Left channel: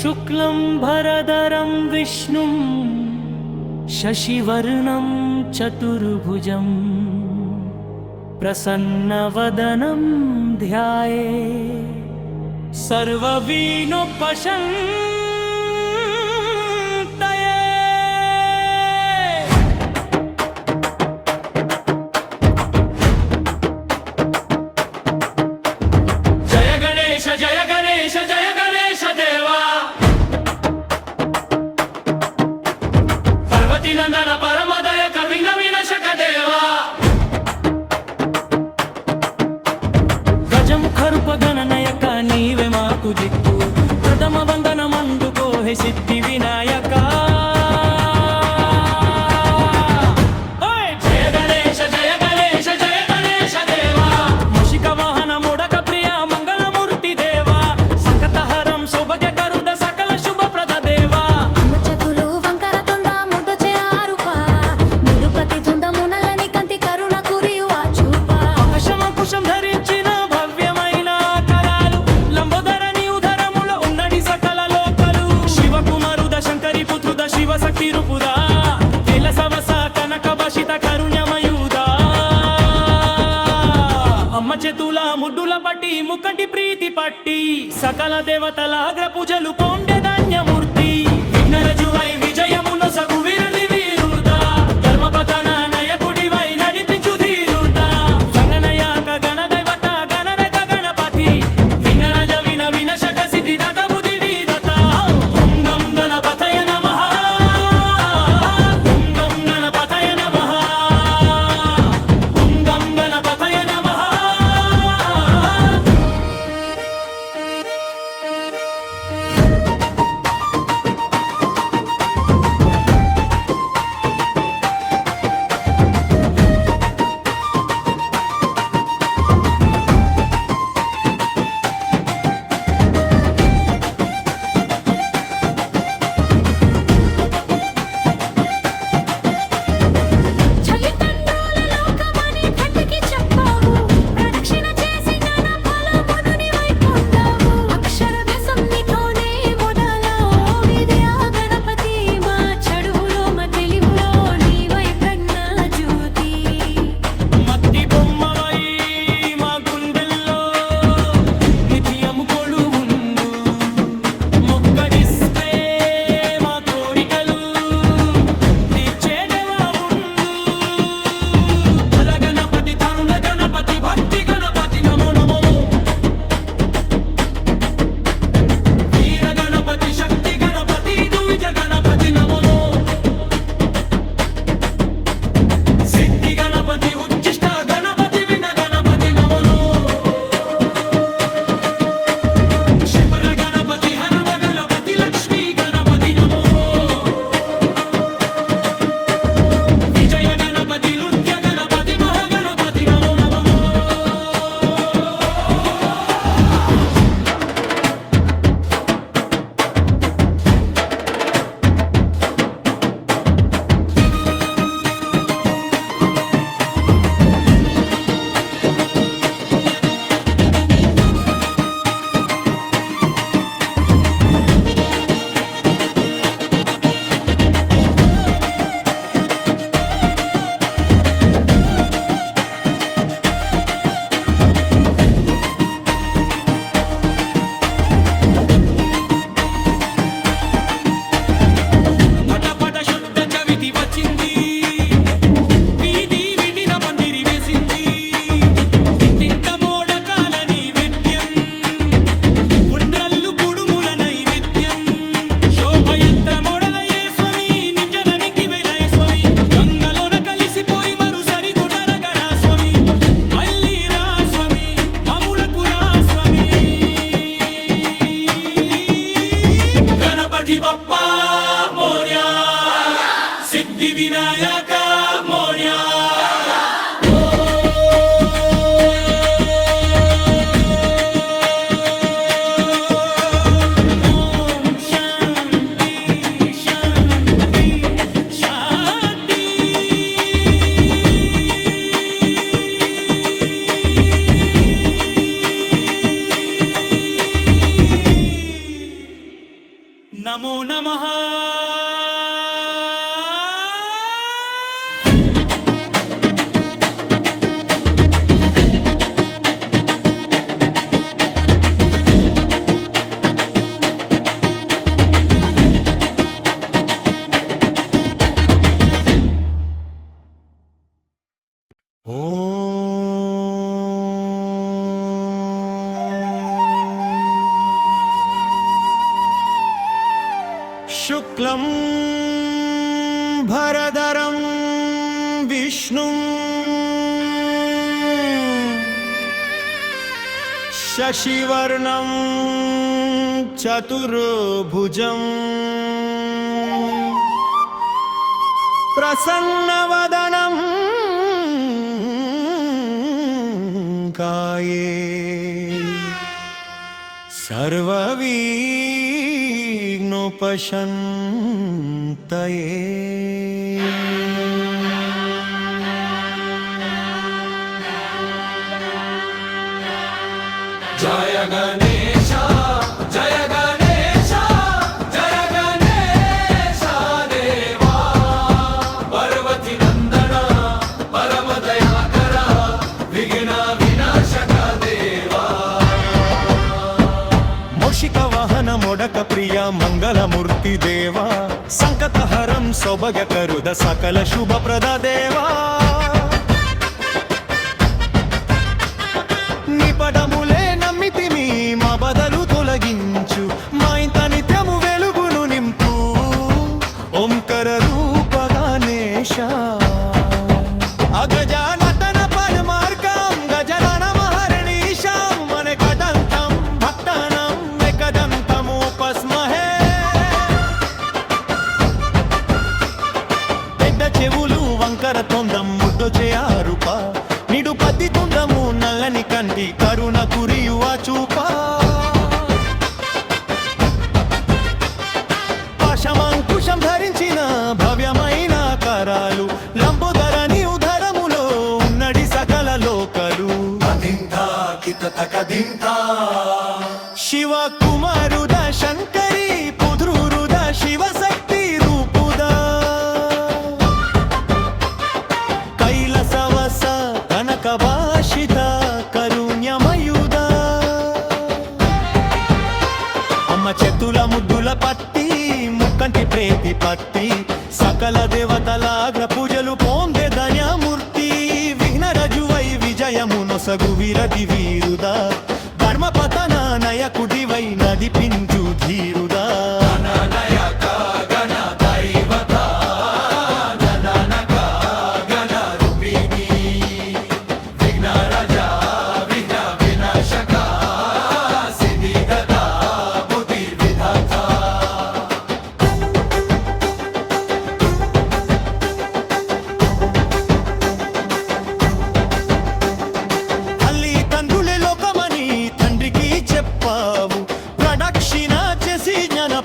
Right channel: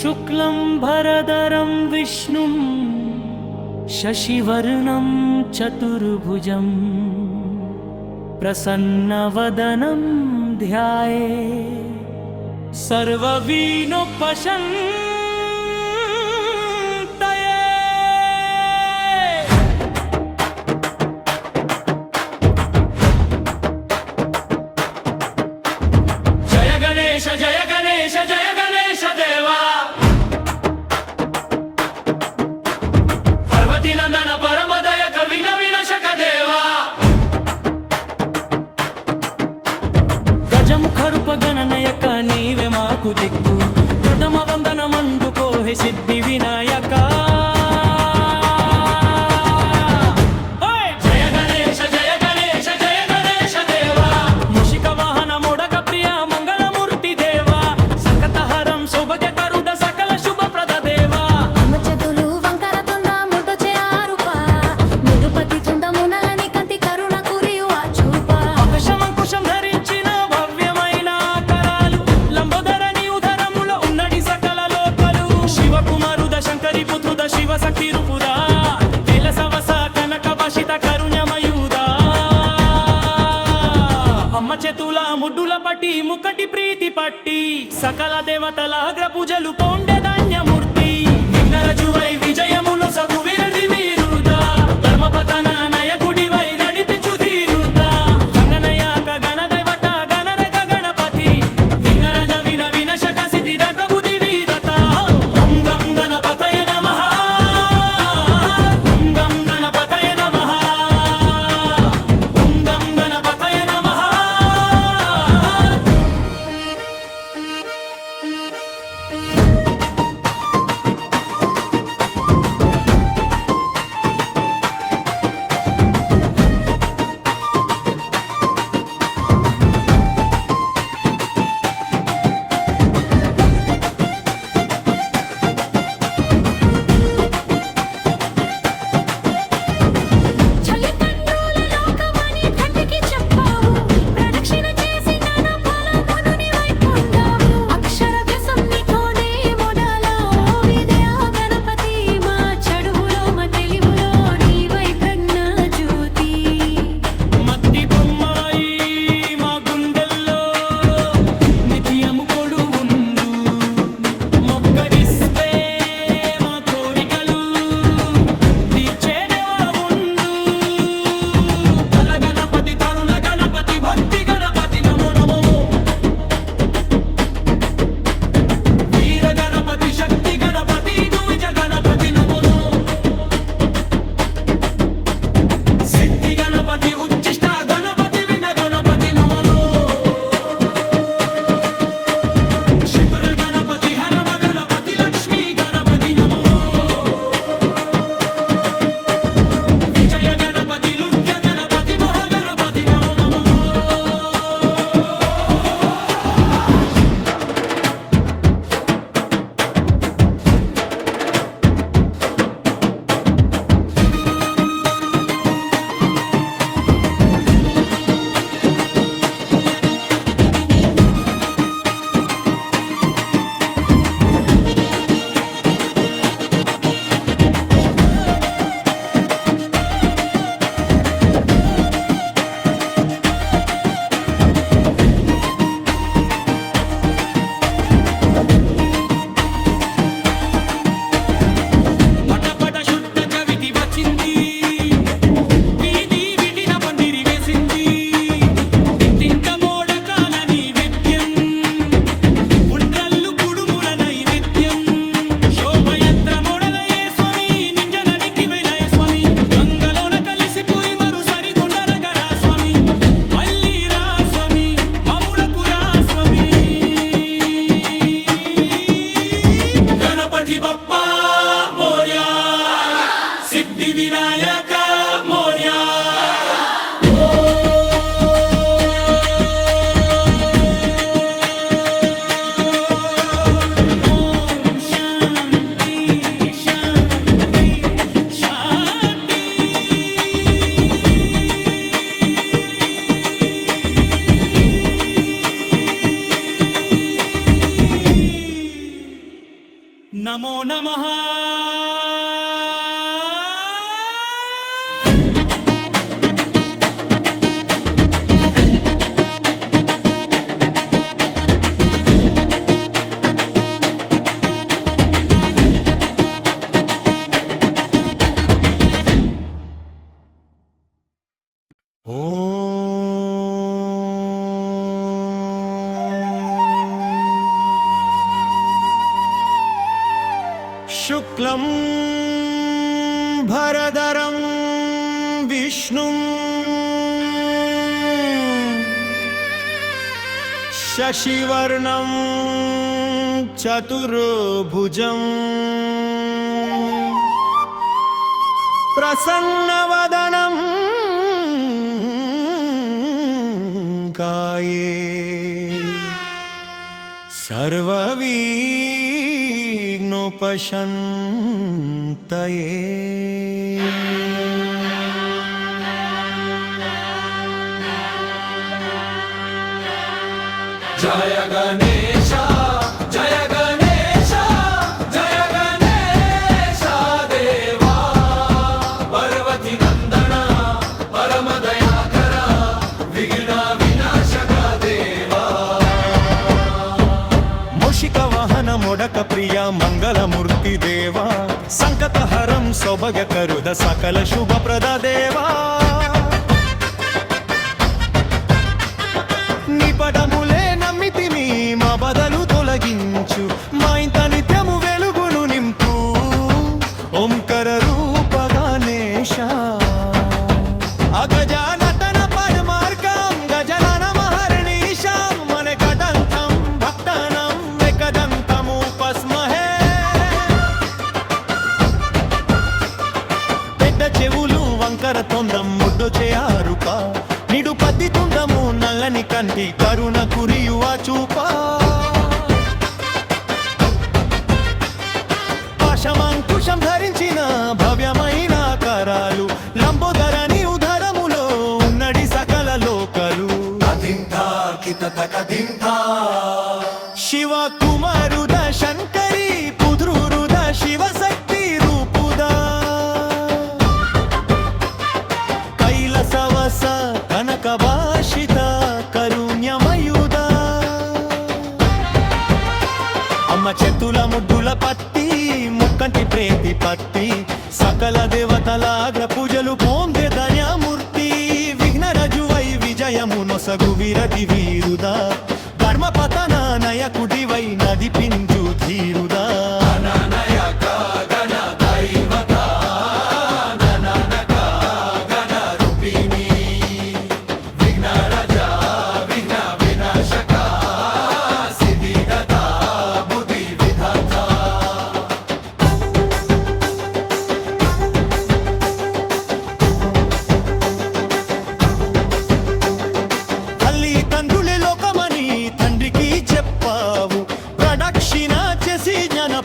शुक्लं भरदरं विष्णुं शशिवर्णं चतुर्भुजं प्रसन्नवदनं ध्यायेत् सर्वविघ्नोपशान्तये। जय गणेश जय गणेश जय गणेश देवा, पार्वती नंदन परमदय कर विघ्न विनाशक देवा। గజముఖరూప గణనయక నీవే మాకు దిక్కు, ప్రథమ వందనమందుకో హే సిద్ధి వినాయక। జయ గణేశ జయ గణేశ జయ గణేశ దేవా, మూషిక వాహన మోడక ప్రియ మంగళమూర్తి దేవా, సంకటహరం సౌభాగ్యకరుడ సకల శుభప్రద దేవా। అమ్మచతులు వంకర తొంద ముద్దచే ఆరుప, నిరుపతి తుంద మునలని కంటి కరుణ కురియు ఆ చూప। ఆకాశమంకుశం ధరించిన భవ్యమైన కరాలు, లంబోదరని ఉదరములో ఉన్నడి సకల లోకలు। శివకుమారుద శంకరి పుత్రుద శివ శక్తి రూపుదా, తెల సవస కనక భాషిత కరుణ్యమయూదా। అమ్మ చేతుల ముడ్డుల పట్టి ముక్కటి ప్రీతి పట్టి, సకల దేవతల అగ్ర పూజలు పొండే ధాన్యమూర్తి। విఘ్నరజువై విజయమును సగు విరది వీరుదా, ధర్మపతన నయకుడివై నడిపించు ధీరుదా। గణనయాక గణదైవత గణరగ గణపతి, విఘ్నరజ విన వినశక సిద్ధిదాత బుద్ధి విదత। ఓం గం గణపతయ నమః, ఓం గం గణపతయ నమః, ఓం గం గణపతయ నమః। నమో నమః. శుక్లం భరదరం విష్ణుం శశివర్ణం చతుర్భుజం ప్రసన్నవదనం కాయే సర్వవిఘ్నోపశాంతయే. జయ గణేశ జయ గణేశ జయ గణేశ దేవా పార్వతి నందన పరమ దయాకర విఘ్న వినాశక దేవా. మూషిక వాహన మొడక ప్రియ మంగళమూర్తి దేవా సంకటహరం సౌభగ కరుద సకల శుభప్రద దేవా. నీ పదములే నమ్మితిమి మా బదలు తొలగించు మా ఇంత నిత్యము వెలుగును నింపు ఓంకర రూప గణేశ. అగజానతన పరమార్గం గజనన మహర్నిశాం మనకదంతం భక్తానం ఏకదంతముపస్మహే. పెద్ద చెవులు వంకర తొందం ముడ్డొచ్చే ఆరుప నిడు పత్తి తుండము నల్లని కంటి కరుణ కురియువ చూప. పాశమంకుశం ధరించిన భవ్యమైన కరాలు లంబోదరని ఉదరములో ఉన్నడి సకల లోకలు. శివ కుమారుద శంకరి పుద్రురుద శివశక్తి రూపుదా కైలసవస కనక భాషిత కరుణ్యమయుద. అమ్మ చేతుల ముద్దుల పత్తి ముక్కంటి ప్రేతి పత్తి సకల దేవతల అగ్ర పూజలు పొందే ధన్యమూర్తి. విఘ్నరజువై విజయము నొసగు విరది వీరుదా ధర్మపతన నయకుడివై నదిపించు ధీరుదా.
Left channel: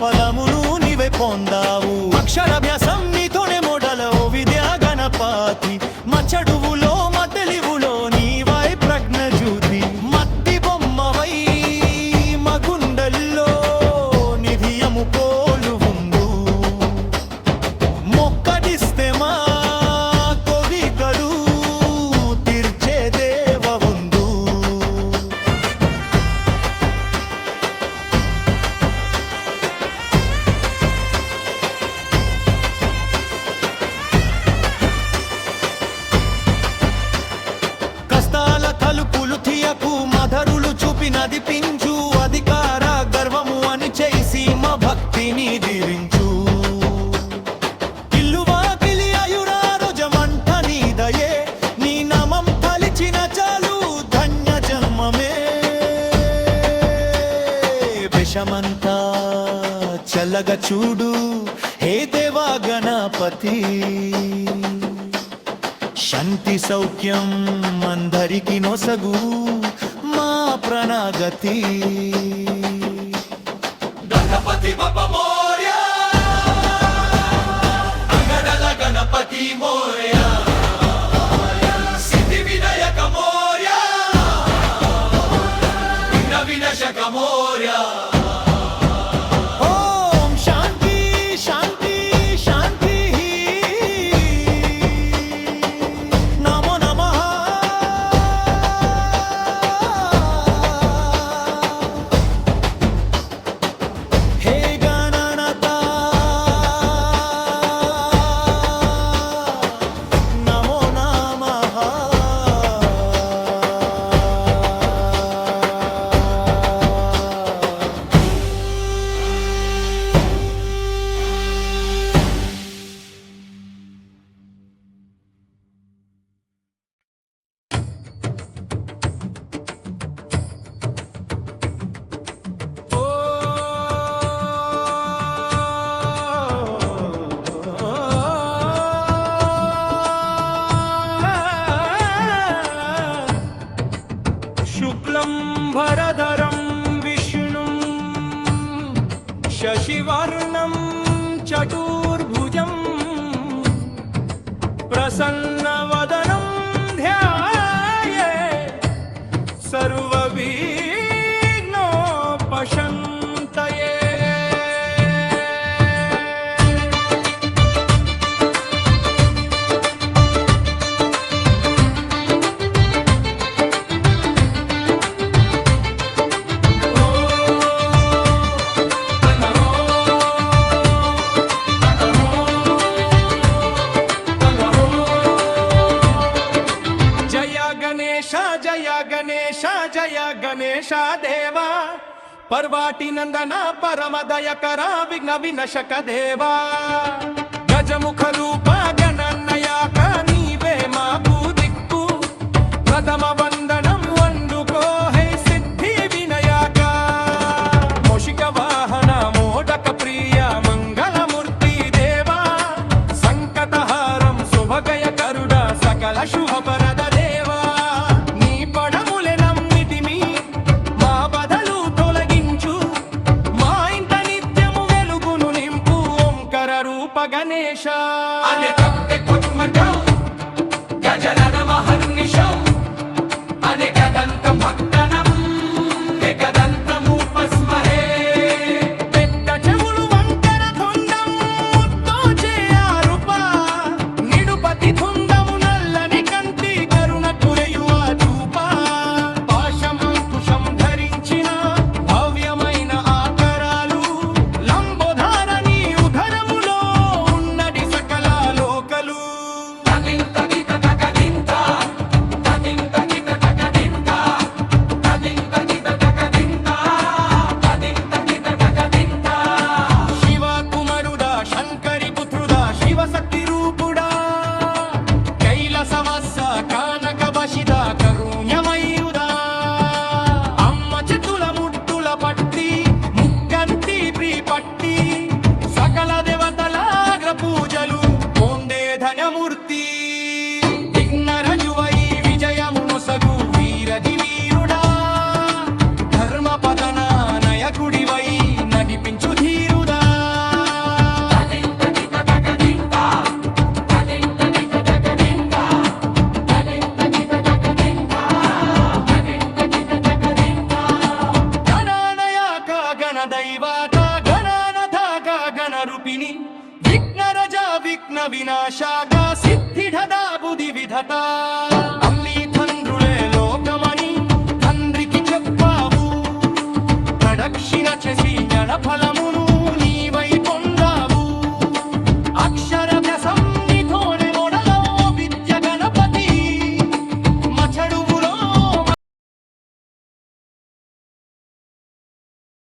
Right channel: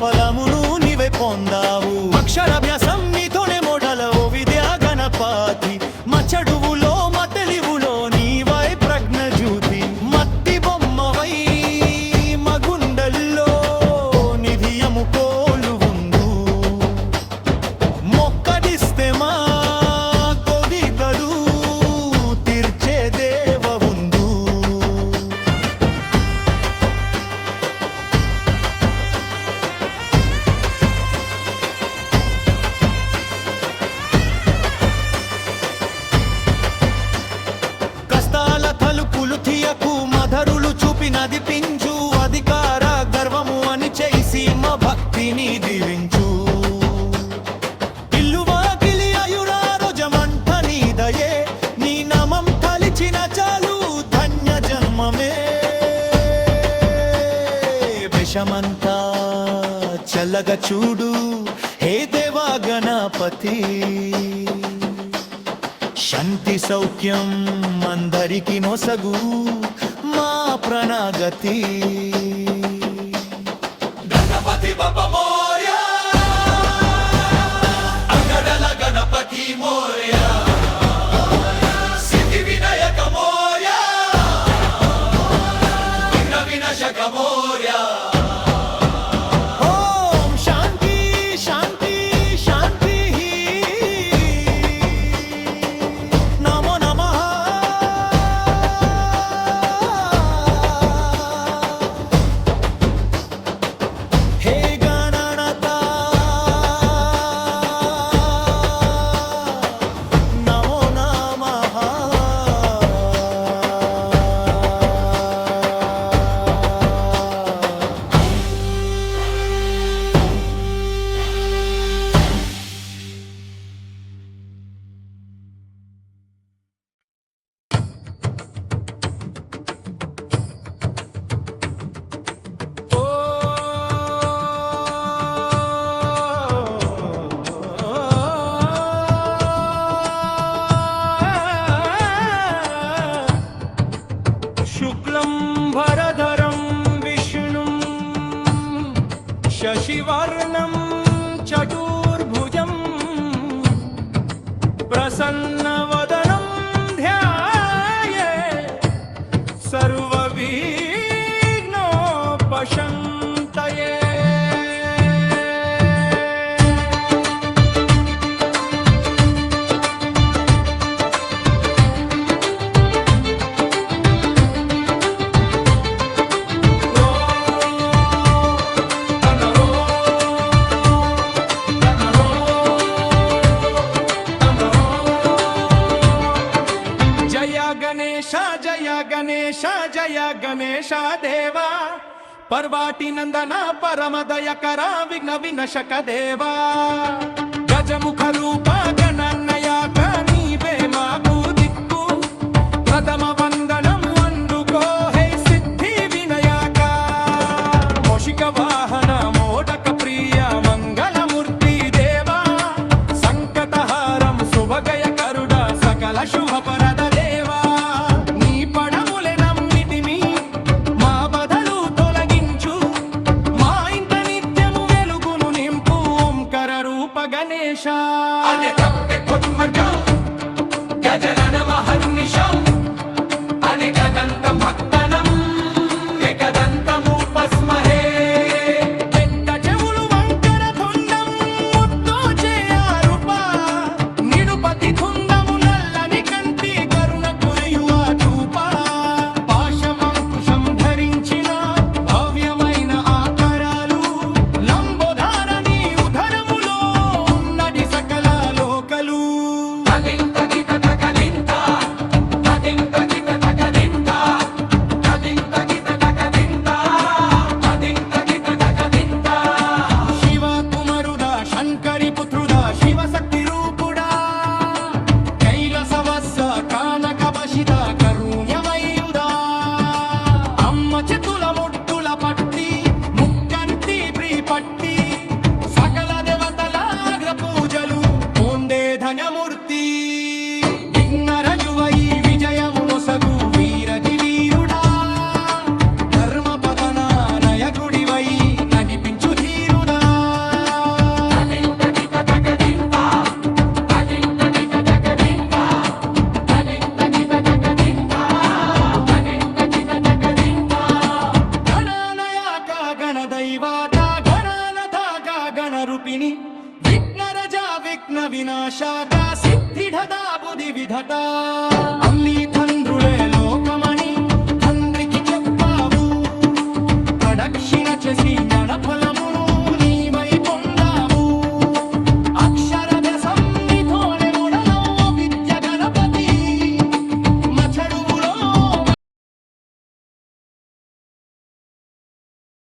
ఫలమును నీవే పొందావు అక్షరాభ్యాసం నీతోనే మోడల ఓ విద్యా గణపతి. మచ్చడువులో మతలివులో నీవై ప్రజ్ఞ జ్యోతి మట్టి బొమ్మవై మగుండల్లో నిధియము కోలు ఉందు. మొక్కడిస్తే మా కోరికలు తీర్చే దేవ ఉందు. తలుపులు తీయకు మధరులు చూపి నదిపించు అధికార గర్వము అని చేసి మా భక్తిని దీవించు. ఇల్లు వాకిలి ఆయురారోజమంట నీదయే నీ నామం తలిచిన చాలు ధన్య జన్మమే. విషమంతా చల్లగా చూడు హే దేవా గణపతి. శాంతి సౌఖ్యం అందరికి నొసగు మా ప్రణాగతి. గణపతి బప్ప మోర్యా అంగడల గణపతి మోర్యా సిద్ధి వినాయక మోర్యా విఘ్న వినాశక మోర్యా. ఓం శశివర్ణం చతుర్భుజం ప్రసన్నవదనం ధ్యాయే సర్వవిఘ్నోపశాంతయే. జయ గణేశ జయ గణేశ జయ గణేశ దేవా పర్వాటి నందన పరమదయకర విఘ్న వినశక దేవా గజముఖ రూప గణన్నయాక నీవే మాకు దిక్కు ప్రథమ వందనం వండుకో హే సిద్ధి వినయాక మోషిక వాహన మోదక ప్రియ మంగళమూర్తి దేవా సంకటహారం శుభగయ కరుడ సకల శుభపరద దేవా నీ పడములే నమ్మిటిమి మా బదలు తొలగించు మా ఇంట నిత్యము వెలుగును నింపు ఓంకర రూప గణేశ గజనన మహర్నిశం అనేకదంతం భక్తనం ఏకదంతముపస్మహే. పెద్ద చెవులు వంకర తొండం ముద్దోచే ఆరుప నిడుపతి తుండము నల్లని కంటి కరుణ కురయువ చూప పాశం అంకుశం ధరించిన భవ్యమైన ఆకరాలు లంబోధారని ఉదరములో ఉన్నది సకల లోకలు. శివ కుమరుడా శంకరి పుత్రుడా శివశక్తి రూపుడా కైలసవస్స కానక వశిత కరుణ్యమయుడా అమ్మ చేతుల ముట్టుల పట్టి ముక్కంటి ప్రీపట్టి సకల దేవతల అగ్ర పూజలు పొందే ధన్యమూర్తి విఘ్నరజువై విజయమునొసగు వీరది వీరుడా ధర్మపతన నయకుడివై నడిపించు ధీరుడా. గణానయాక గణదైవాత గణానథ గణరూపిణి విఘ్నరజ విఘ్న వినాశాక సిద్ధిధదా బుధి విధత అమ్లీ తండ్రులే లోకమని తండ్రికి చెప్పావు ప్రదక్షిణ చేసి జ్ఞాన ఫలమును